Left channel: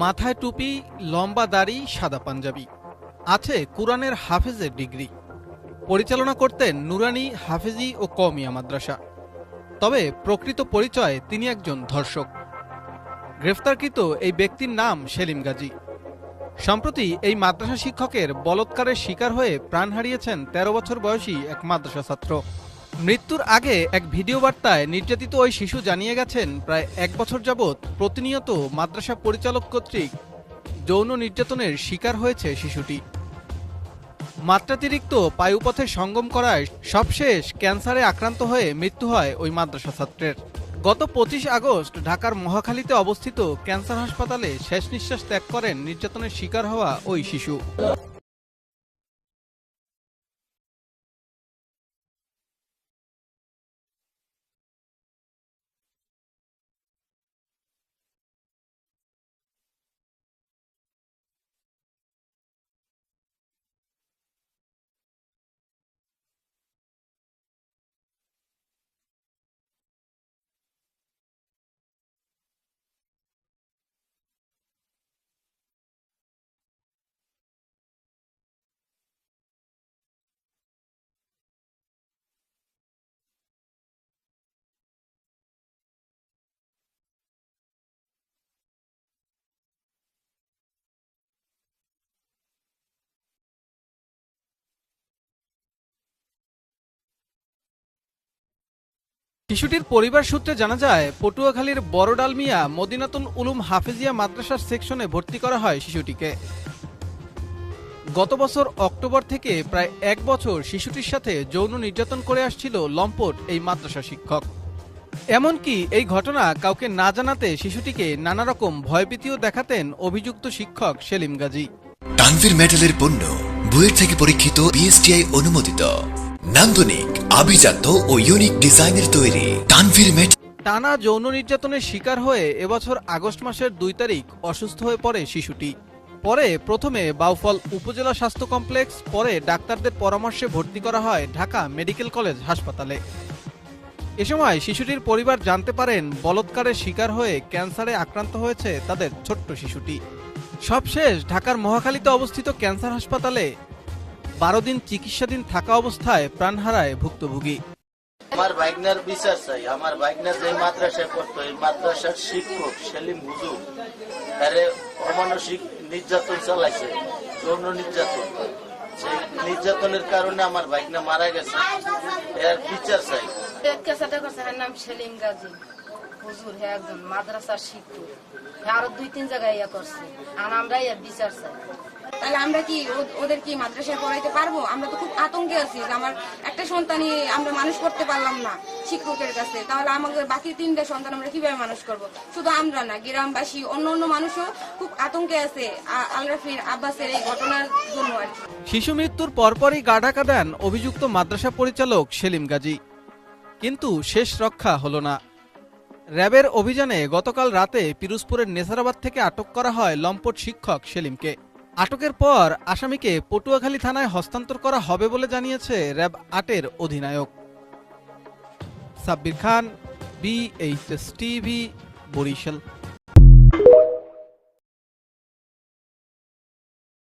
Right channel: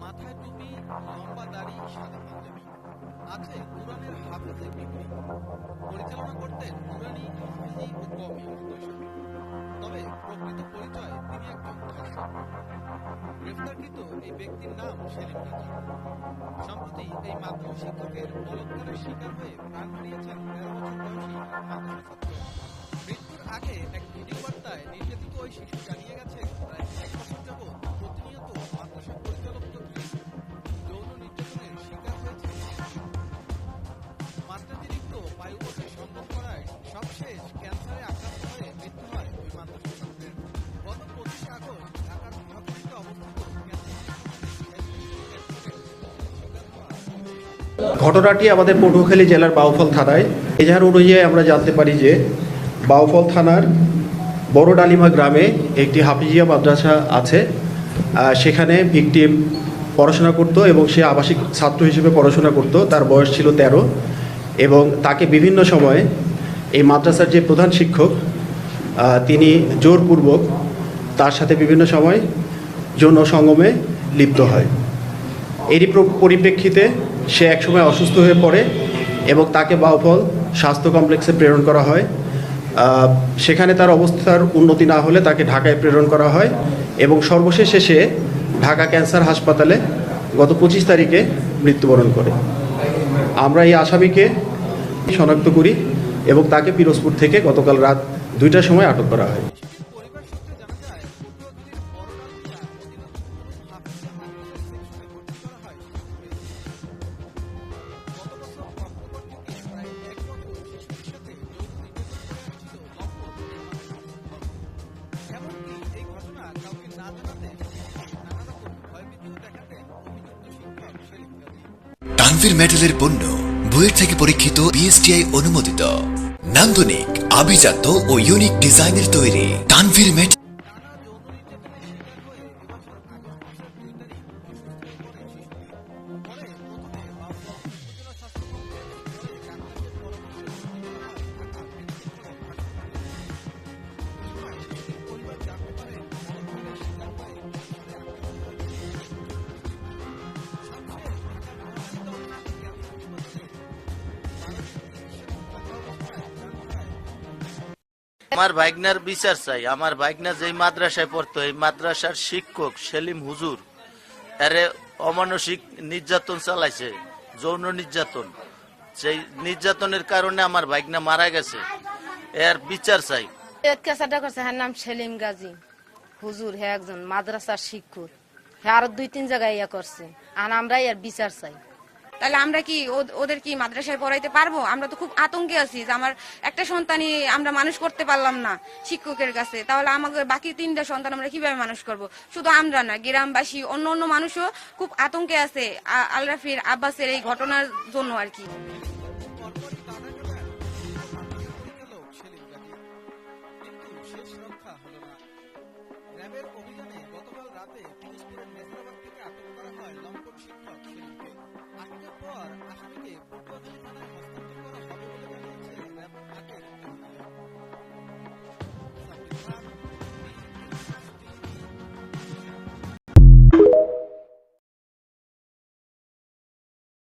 মাথায় টুপি, লম্বা দাড়ি, সাদা পাঞ্জাবি, আছে কুরআনের হাফেজের ডিগ্রি। পরিচালনা করতেন নুরানি হাফেজি ও কওমিয়া মাদ্রাসা। তবে প্রকৃত পরিচয় তিনি একজন ধর্ষক। গ্রেফতারকৃত এই ব্যক্তির নাম সেলিম গাজী। সম্প্রতি এই মাদ্রাসা শিক্ষকের বলৎকারের শিকার হয়ে প্রাণ হারিয়েছেন ১৩ বছর বয়সী এক মাদ্রাসা ছাত্র। মৃত্যুর আগে এক ভিডিও বার্তায় নির্যাতিত ওই শিশু জানিয়ে গেছেন, প্রায় ১ বছর যাবৎ প্রতিনিয়ত মাদ্রাসা পরিচালক কর্তৃক যৌন নির্যাতনের শিকার হয়েছে শিশুটি। মাত্রাতিরিক্ত বায়ুপথে সঙ্গম করায় সবশেষ ক্যান্সারে আক্রান্ত হয়ে মৃত্যু হয় ওই মাদ্রাসা ছাত্রের। গত ২৫ আগস্ট ঢাকার মহাখালীতে অবস্থিত ক্যান্সার হাসপাতালে শেষ নিঃশ্বাস ত্যাগ করেন নির্যাতনের শিকার হওয়া ওই শিশু। ঘটনাটি আমাদের পটুয়াখালী জেলার বাউফল থানায়। এজাহার অনুযায়ী আমরা জানতে পারি যে বাউফল থানার বড় ডালিমা গ্রামে একটি হাফিজিয়া মাদ্রাসা আছে। সেখানে ভিকটিম পড়াশোনা করত এবং সে আবাসিক ছাত্র হিসেবে পড়াশোনা করত। তার বয়স ছিল ১৩ এবং তাকে বিভিন্ন সময়ে এই মাদ্রাসার যে প্রধান শিক্ষক তিনি জোরপূর্বক তার সাথে বিভিন্ন সময় যৌন সঙ্গমে লিপ্ত হয়। এরই পরিপ্রেক্ষিতে সে একসময় অসুস্থ হয়ে পড়ে এবং তাকে বাউফল স্বাস্থ্য কমপ্লেক্সে প্রেরণ করা হয়। সেখানে তার অবস্থার উন্নতি না হলে তাকে ঢাকায় প্রেরণ করা হয় এবং সর্বশেষে সে ঢাকা ক্যান্সার হাসপাতালে গত ২৫ তারিখে মৃত্যুবরণ করে। আমরা এই আসামিকে শনাক্ত করি এবং তাকে পিরোজপুর থেকে গতকাল রাত ২টার সময় আটক করা হয়। শিশুটির পরিবার সূত্রে জানা যায়, পটুয়াখালীর বড় ডালমিয়া মদিনাতুল উলুম হাফেজিয়া মাদ্রাসার সেকশনে ভর্তি করা হয় শিশুটিকে। গত বছর অক্টোবর থেকে প্রায় ১ বছর শিশুটির সাথে যৌন নির্যাতন করে আসছিল লম্পট এই মাদ্রাসা শিক্ষক। এমনকি এই ঘটনা কাউকে না জানাতে শিশুটিকে নানা রকম ভয়ভীতিও দেখাতেন অভিযুক্ত শিক্ষক সেলিম গাজী। তানভীর মেটালের পণ্য বুয়েট থেকে পরীক্ষিত বিএসটিআই অনুমোদিত, নান্দনিক, আভিজাত্য ও ইউনিক ডিজাইনের তৈরি তানভীর মেটাল। টানা যৌন নির্যাতনের শিকার হয়ে এবছর আগস্ট মাসের ২ তারিখ অসুস্থ হয়ে পড়ে শিশুটি। পরে প্রথমে বাউফল উপজেলা স্বাস্থ্য কমপ্লেক্স, পরে ডাক্তারদের পরামর্শে ভর্তি করা হয় ঢাকা মেডিকেল কলেজ হাসপাতালে। এ সময় শিশুটির পরিবার জানতে পারেন বলৎকারের শিকার হয়ে ক্যান্সারে আক্রান্ত হয়েছে তাদের ছোট্ট শিশুটি। সবশেষ ঢাকার মহাখালীতে অবস্থিত ক্যান্সার হাসপাতালে ১২ দিন চিকিৎসাধীন থাকা অবস্থায় প্রাণ হারায় ভুক্তভোগী। আমার ভাইগনার বিচার চাই। আমার ভাইগনা যে মাদ্রাসায় পড়তো, এই মাদ্রাসার শিক্ষক সেলিম হুজুর আরে অমানসিক নির্যাতন চালাইছে, যৌন নির্যাতন। সেই নির্যাতনের কারণে আমার ভাইগনা মারা গেছে, এর বিচার চাই। কেসাটা করছে, হ্যাঁ নাম সেলিম গাজী হুজুর, হ্যাঁ একজন মাদ্রাসার শিক্ষক, হ্যাঁ আরো ২-৩ জায়গায় ইয়া করছে। আর আমরা এর বিচার চাই। তাহলে আমরা কি ওদের কি মাদ্রাসায় পড়াইতে পারবো? আমরা তো খুব আতঙ্কে আছি। আমার একটা সন্তানই আমরা মানুষ করতে পারলাম না শিক্ষকের কাছে, তাহলে আমাদের বাকি ৩টা সন্তান আমরা কিভাবে মানুষ করব? শুধু আমরা না, গ্রামবাসী অন্য মানুষও খুব আতঙ্কে আছে আলরাফির আব্বাসের এই ঘটনার জন্য আর কি। শিশু মৃত্যুর পরপরই গা ঢাকা দেন অভিযুক্ত মাদ্রাসা পরিচালক সেলিম গাজী, কিন্তু শেষ রক্ষা হলো না। র্যাবের অভিযানে গতকাল রাতে পিরোজপুরের নেসারাবাদ থেকে আটক করা হয় লম্পট শিক্ষক সেলিমকে। আটকের পর আসামিকে পটুয়াখালী থানায় হস্তান্তর করা হবে বলে জানিয়েছে র্যাব ৮-এর অধিনায়ক। সাব্বির খান, BHS TV, বরিশাল।